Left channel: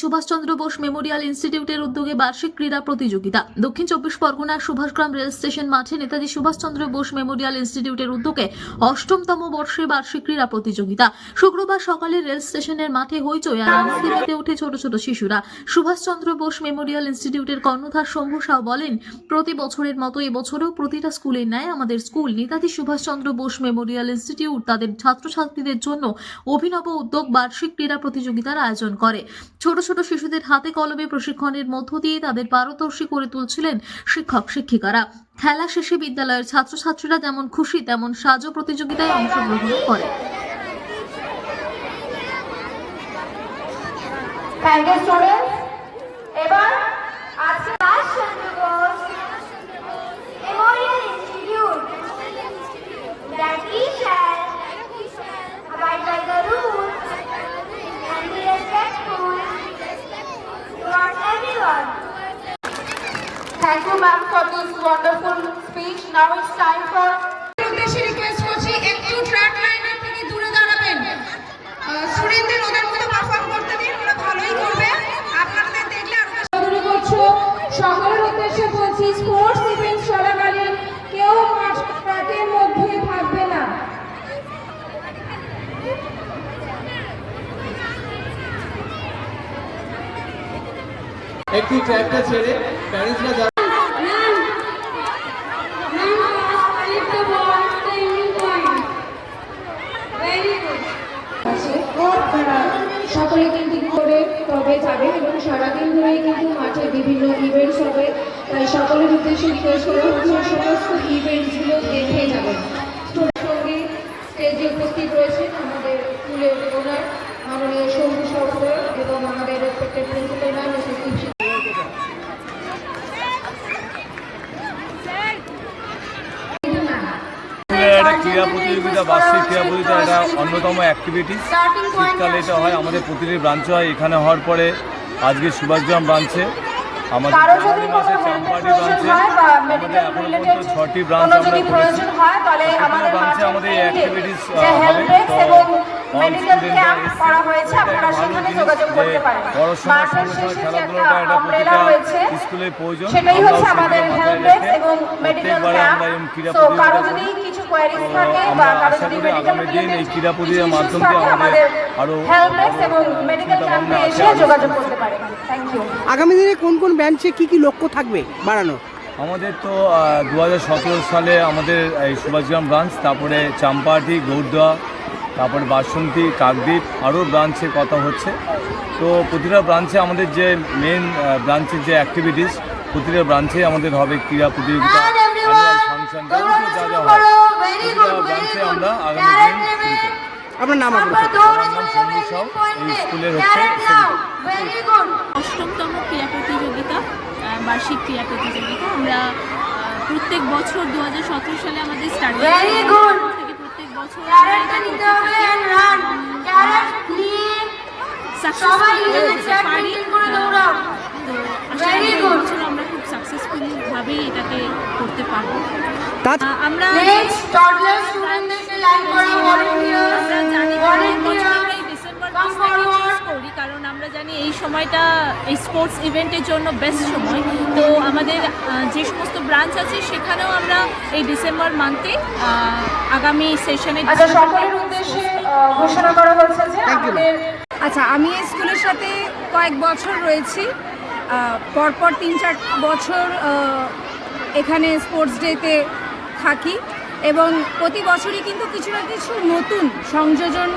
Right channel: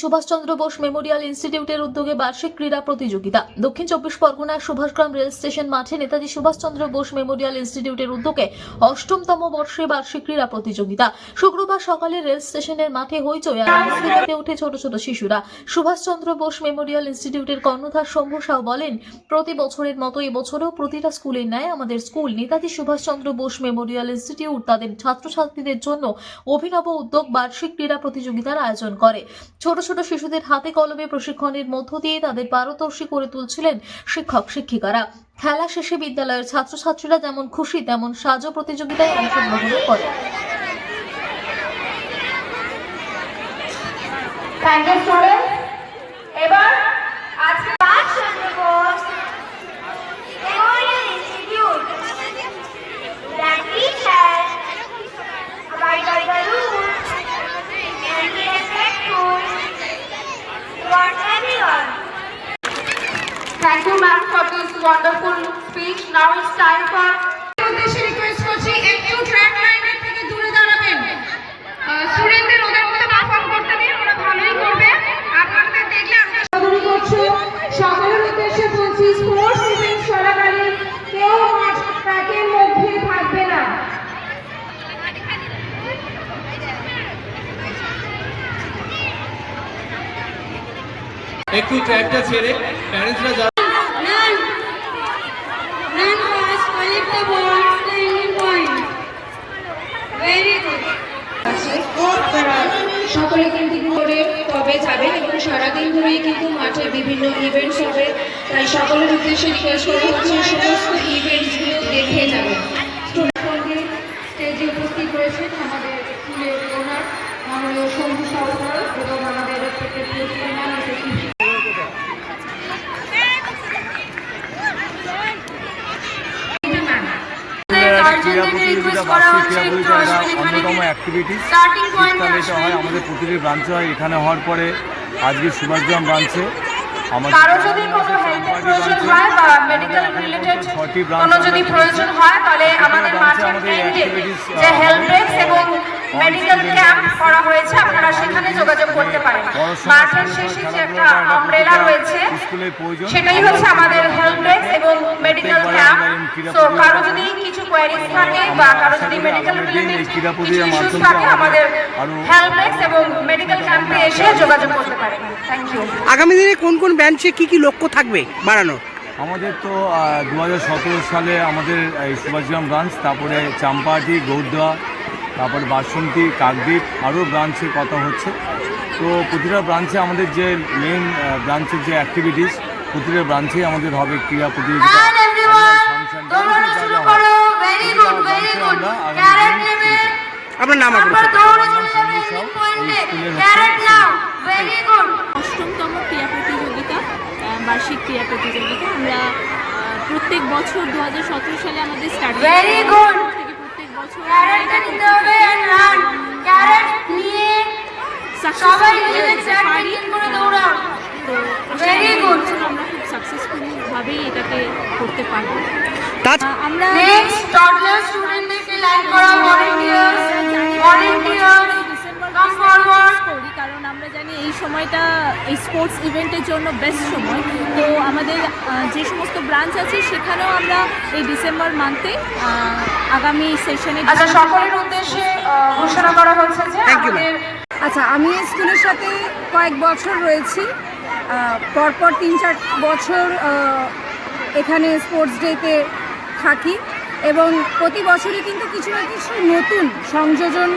Subhash Chandra Bose Memorial ইনস্টিটিউটের উদ্যোগে বার্ষিক ক্রীড়া প্রতিযোগিতা। দক্ষিণ চব্বিশ পরগনার সুভাষগ্রাম রেল স্টেশন মাঠে নেতাজি সুভাষচন্দ্র বোস মেমোরিয়াল ইনস্টিটিউটের উদ্যোগে ৮ম বর্ষে বার্ষিক ক্রীড়া প্রতিযোগিতা। শুক্রবার সকালে রেল স্টেশনের মাঠে হইচই আর আনন্দে মেতে ওঠে ছোট ছোট শিশুরা। সুভাষচন্দ্র বোস মেমোরিয়াল ইনস্টিটিউটের কর্ণধার শম্ভু সাউ বলেন, প্রতি বছরের মতো এবছরও প্রতিটা স্কুলের ন্যায় আমাদের school Netaji Subhas Chandra Bose Memorial Institute তাদের ছাত্রছাত্রীদের জন্য অভিনব উদ্যোগ বার্ষিক ক্রীড়া প্রতিযোগিতার আয়োজন করে। ছোট ছোট শিশুদের হাতে কলমে প্রশিক্ষণের মধ্য দিয়ে তাদের পারদর্শী করে তুলছিলেন শিক্ষক শিক্ষিকারা। খেলা শেষে বিদ্যালয়ের ছাত্রছাত্রীরা যেমন খুশি তেমন সাজো প্রতিযোগিতায় অংশগ্রহণ করে। এবার আজকে Subhas Chandra Bose Memorial Institute that teacher abide by the rules and be respectful towards everyone. Thank you, ma'am, for this wonderful speech. Now it's time for উদ্দেশ্যে রিকোয়েস্ট করছি একটু ট্র্যাক লাইনের থেকে দূরে দাঁড়াবেন। স্টুডেন্টদের ওদের মধ্যে পারফর্ম করতে দিন, ওরা ভালোই করবে। আপনাদের দেখলে আরো করছে। সকলের উদ্দেশ্যে বলছি, স্পোর্টস ইভেন্ট চলাকালীন কেউ ট্র্যাকের মধ্যে থাকবে না। একটু ট্র্যাকটা ছেড়ে প্যারেন্টসরা সকলে কিন্তু করে কবে যাবেন এবং সারাদিন ধরেই কিন্তু মাঠে বিভিন্ন ইভেন্টস হবে, তাই সকলের উদ্দেশ্যে রিকোয়েস্ট করা হচ্ছে সমস্ত ইভেন্টসগুলো দেখে যাবেন। সঙ্গে স্টেজে উপস্থিত রয়েছেন আমাদের স্কুলের ওনার মাননীয় শম্ভু সরকার এবং আমাদের রেসপেক্টেড প্রিন্সিপাল ম্যাম ক্রীড়া প্রতিযোগিতা, বার্ষিক ক্রীড়া প্রতিযোগিতা এটা অন্যতম অ্যাক্টিভিটিস। শীতকালে এটা হয়, আমাদের প্রতিটি ব্রাঞ্চে হয়। এখানে হওয়ার পরে আজকে সুভাষগ্রাম ব্রাঞ্চে, আমাদের চাম্পাটি ব্রাঞ্চে, আমাদের এখন পর্যন্ত 6টি ব্রাঞ্চ আমরা করেছি। ব্রাঞ্চে আমাদের এই অ্যাক্টিভিটিস হবে। পড়াশোনার সঙ্গে সঙ্গে খেলাধুলাটা এটা প্রতিটা স্কুলের প্রয়োজন। প্রত্যেকবারে আমরা এই ক্রীড়া প্রতিযোগিতা করি। আমরা আশা করি আগামী দিন এই ক্রীড়া প্রতিযোগিতার মাধ্যমে আমাদের আরও আগামী দিনে কোন কোন ব্রাঞ্চে কি কি লক্ষ্য থাকবে বাড়ানোর? আমাদের তো 2017 সালে আমাদের এই সুভাষগ্রাম ব্রাঞ্চ, তারপরে চাম্পাহাটি, গৌরদোয়া, তারপরে বাসন্তী, কাকদ্বীপ, আরও ব্রাঞ্চে কথা হচ্ছে। তো প্রতিটা ব্রাঞ্চে আমাদের যে মেন ব্রাঞ্চের যে অ্যাক্টিভিটিস, প্রতিটা ব্রাঞ্চে আমাদের হবে ক্রীড়া প্রতিযোগিতা, ফাংশন, যা যা হয় প্রতিটা ব্রাঞ্চে আমরা আগামী দিন শুরু করব। আপনার নাম? আমার নাম শম্ভু সাউ, এই স্কুলের হচ্ছে ৮ম ক্রীড়া প্রতিযোগিতা, বার্ষিক ক্রীড়া প্রতিযোগিতা। আমরা প্রত্যেক বছর 2017 সালে আমাদের স্টার্ট থেকে প্রত্যেক বছর আমরা খুব সাকসেসফুলভাবেই এটাকে করতে পারবো। আমরা করি কারণ আমরা জানি এই সময়টা এই স্পোর্টস ইভেন্টের জন্য বেস্ট সময়। তো আমাদের যে সমস্ত ব্রাঞ্চ আছে সেখানেও আমরা এই ডিসেম্বর মান্থে আগামী সেশনে সকলের উদ্দেশ্যে ঘোষণা করা হয়েছে যে আচ্ছা, আমি এই স্কুলের সাথে কয়েক বছর রয়েছি। পরপর 3-4 বছর এখানে স্পোর্টস ডেতে থাকি এবং প্রতি বছরই কিন্তু কিছু না কিছু নতুন সংযোজন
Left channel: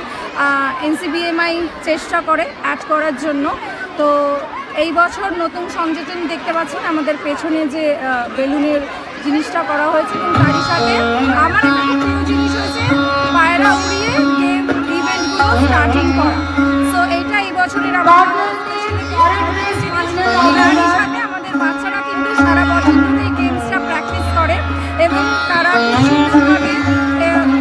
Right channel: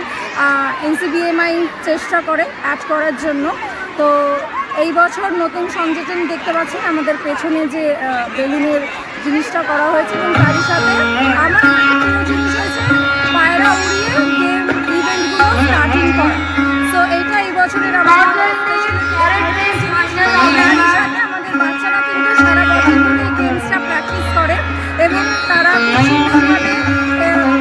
এনসিবিএমআই চেষ্টা করে অ্যাড করার জন্য। তো এই বছর নতুন সংযোজন দেখতে পাচ্ছেন, আমাদের পেছনে যে বেলুনের জিনিসটা করা হয়েছে এবং তারই সাথে আমার জিনিস হয়েছে পায়রা উড়িয়ে গেম ইভেন্টগুলো স্টার্টিং করা। তো এইটা এই বছরের আমাদের বাচ্চারা কিন্তু সারা বছর ধরে এই গেমসটা প্র্যাকটিস করে এবং তারা বিভিন্নভাবে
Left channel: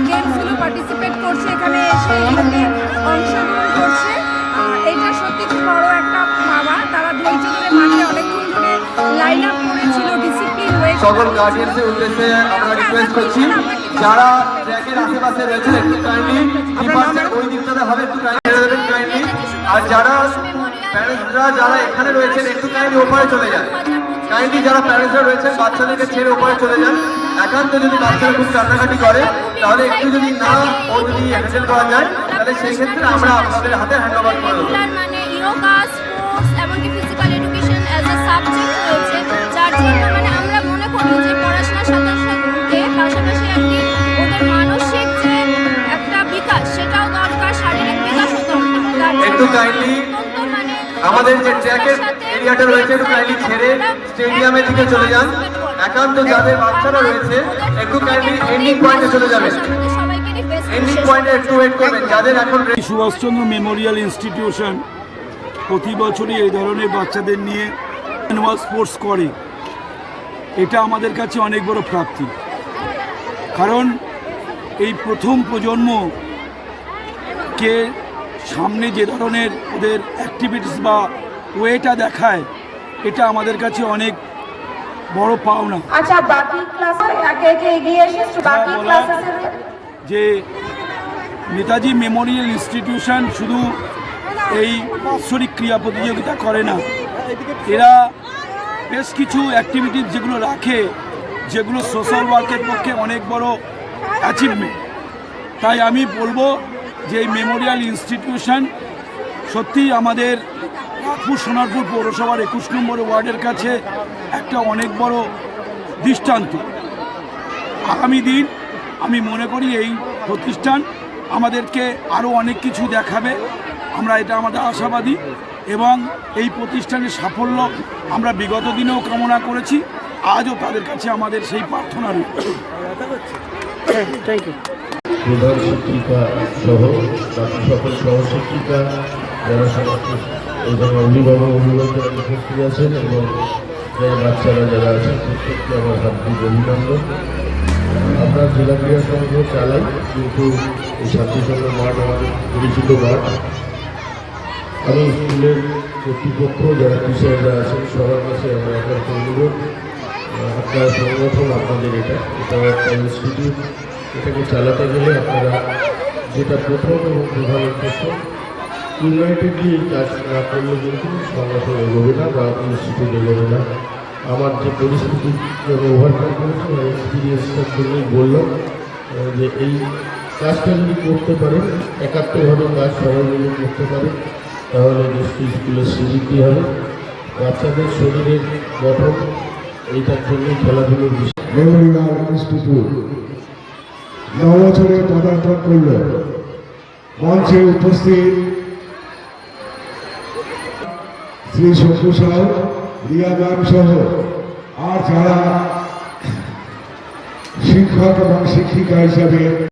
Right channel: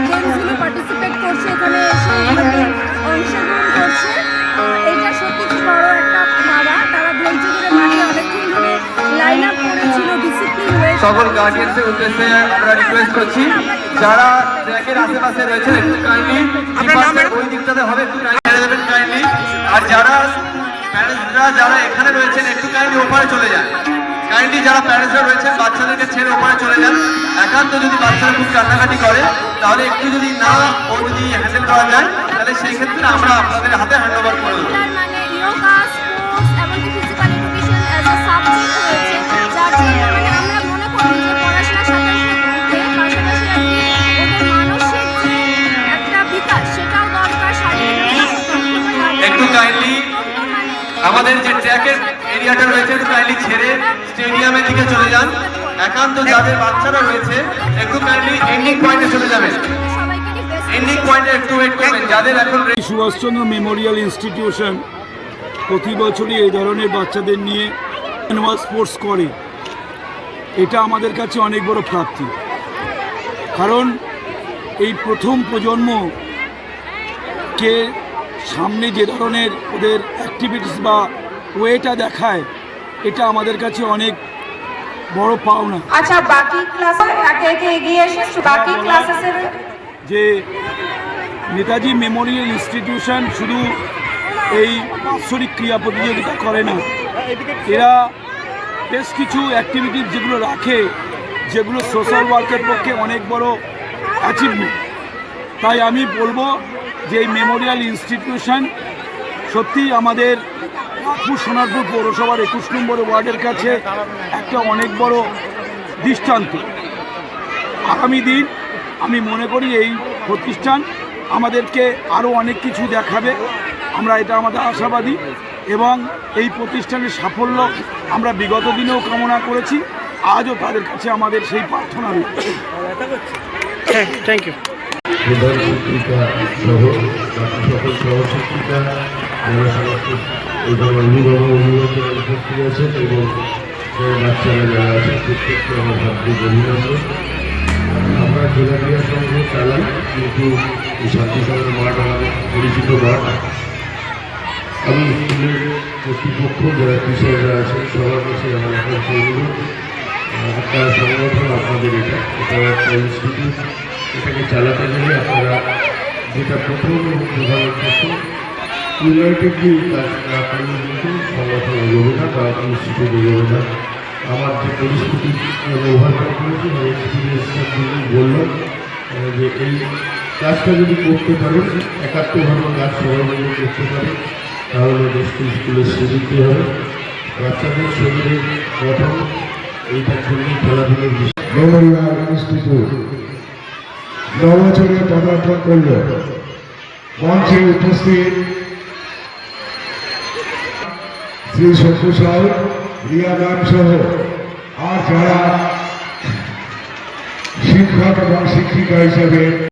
গেমসগুলো পার্টিসিপেট করছে, এখানে এসে এগুলোতে অংশগ্রহণ করছে। এটা সত্যি খুব বড় একটা পাওয়া। তারা ধৈর্য ধরে মাঠে অনেকক্ষণ ধরে লাইন আপ করেছিল, ডিসিপ্লিন হয়ে। সকল গার্ডিয়ানদের উদ্দেশ্যে আমরা রিকোয়েস্ট করছি, যারা ট্র্যাকের আশেপাশে রয়েছেন একটু কাইন্ডলি ওই দিকটাতে হবে, একটু কাইন্ডলি আর যারা প্যারেন্টসরা যারা এখানে রয়েছেন একটু কাইন্ডলি ওপারে চলে যান। কাইন্ডলি যারা প্যারেন্টসরা রয়েছেন বাচ্চাদেরকে ছেড়ে ওপারে চলে যান। একান্ত যদি বাচ্চারা খুব কান্নাকাটি করে তাহলে একটু যদি না ও যদি হ্যান্ডেল করা যায় তাহলে সেই ক্ষেত্রে আমরা আপনাদের হাতে হ্যান্ড ওভার করে দেবো। মানে যোগা, স্পোর্টস এমনকি physical education as a subject রয়েছে, যার জন্য মানে আমরা মনে করি যে পড়াশোনার সাথে সাথে পাশাপাশি আর কি ওদের মানসিক যে একটা বিকাশ সেটাও দরকার, শারীরিক বিকাশও দরকার। একটু কাইন্ডলি আমাদের যে ট্র্যাকের এরিয়াটা রয়েছে একটু কাইন্ডলি ছেড়ে স্টেডিয়ামের দিকে চলে যান। একান্ত যাদের বাচ্চারা রয়েছে একটু কাইন্ডলি এন্ডিং পয়েন্টে চলে যাবেন। এন্ডিং পয়েন্টে একটু ওয়েট করবেন যাদের এখন সুভাষচন্দ্র মেমোরিয়াল ইনস্টিটিউশন প্রতি বছরই এই ধরনের বাচ্চাদের নিয়ে অ্যানুয়াল স্পোর্টস করে। এটা আমাদের কাছে অনেক বড় প্রাপ্তি, কারণ এই প্রথম প্রজন্মকে সামনে যে ধরনের ওদের অ্যাক্টিভিটিস বা ওয়েটা দেখায় এটা আমাদের কাছে অনেক বড় পাওনা। আচ্ছা, বাকি ক্লাসে একে একে এগিয়ে এসে বাকি ক্লাসের যে নেতাজি মেমোরিয়াল ইনস্টিটিউশন শুধু এই বাৎসরিক ক্রীড়া প্রতিযোগিতা করে না, এরা বেশ কিছু অ্যাক্টিভিটিস যেগুলো রাখে যেগুলো সোশ্যাল ওয়ার্কের পক্ষে অনেক বড় অ্যাচিভমেন্ট। তাই আমি বলবো যে এই মেমোরিয়াল ইনস্টিটিউশন সত্যিই আমাদের নাগপুর সোনারপুর পৌরসভার 21 নম্বর ওয়ার্ডের কাছে একটা অনেক বড় দৃষ্টান্ত। আগামী দিন আমি মনে করি এই প্রতিষ্ঠান আমাদেরকে আরও অনেক কিছু দেখাবে, আমরা এটা আমাদের আশাবাদী, এবং এই প্রতিষ্ঠানের সাফল্য আমরা বিগত দিনেও কামনা করেছি, আজও তাদের কাছে আমাদের সেই প্রার্থনা রয়েছে। Thank you. প্রধান শিক্ষিকা সহ বাকি সকল সহশিক্ষিকা যারা সমস্ত অভিভাবক উপস্থিত আছেন এবং যারা বাচ্চারা যারা আছেন প্রত্যেককে আমার হার্দিক অভিনন্দন। আমরা জেলা ক্রীড়া সংঘ চালাই, কিন্তু এই শান্তিসংঘ মাঠ আমাদের পরিচিত মাঠ। আমি স্কুলের কর্তৃপক্ষ যারা টিচাররা আছেন সবার কাছে আমার একটা অনুরোধ, একটা সংগঠন আপনাদের এটা একটা ইনস্টিটিউট, এটাকে চালাতে গেলে আপনারা যেটা প্রথম এবং প্রধান উদ্দেশ্য ইউনাইটেডলি কাজ না করলে কিন্তু সংগঠন এগোবে না বা ইনস্টিটিউট এগোবে না। আমার যে পরিস্থিতি ওভারকাম করেছি আমার এক্সপিরিয়েন্সটার জন্যই বললাম যে এই কাজটা যদি করতে পারেন, একাত্মভাবে কাজ সবাই মিলে করতে পারেন, তাহলে নিশ্চয়ই স্কুলের শ্রীবৃদ্ধি হবে, বাচ্চাদের শরীরের গঠন এইটার জন্যই খেলাধুলোর বিষয়। মেমোরিয়াল ইনস্টিটিউট 9 বছরে পদার্পণ করল। মঞ্চে উপস্থিত শ্রী শঙ্কু সাহেব, রিয়া ম্যাম সহ আর যারা শিক্ষক এবং শিক্ষিকা হিসাবে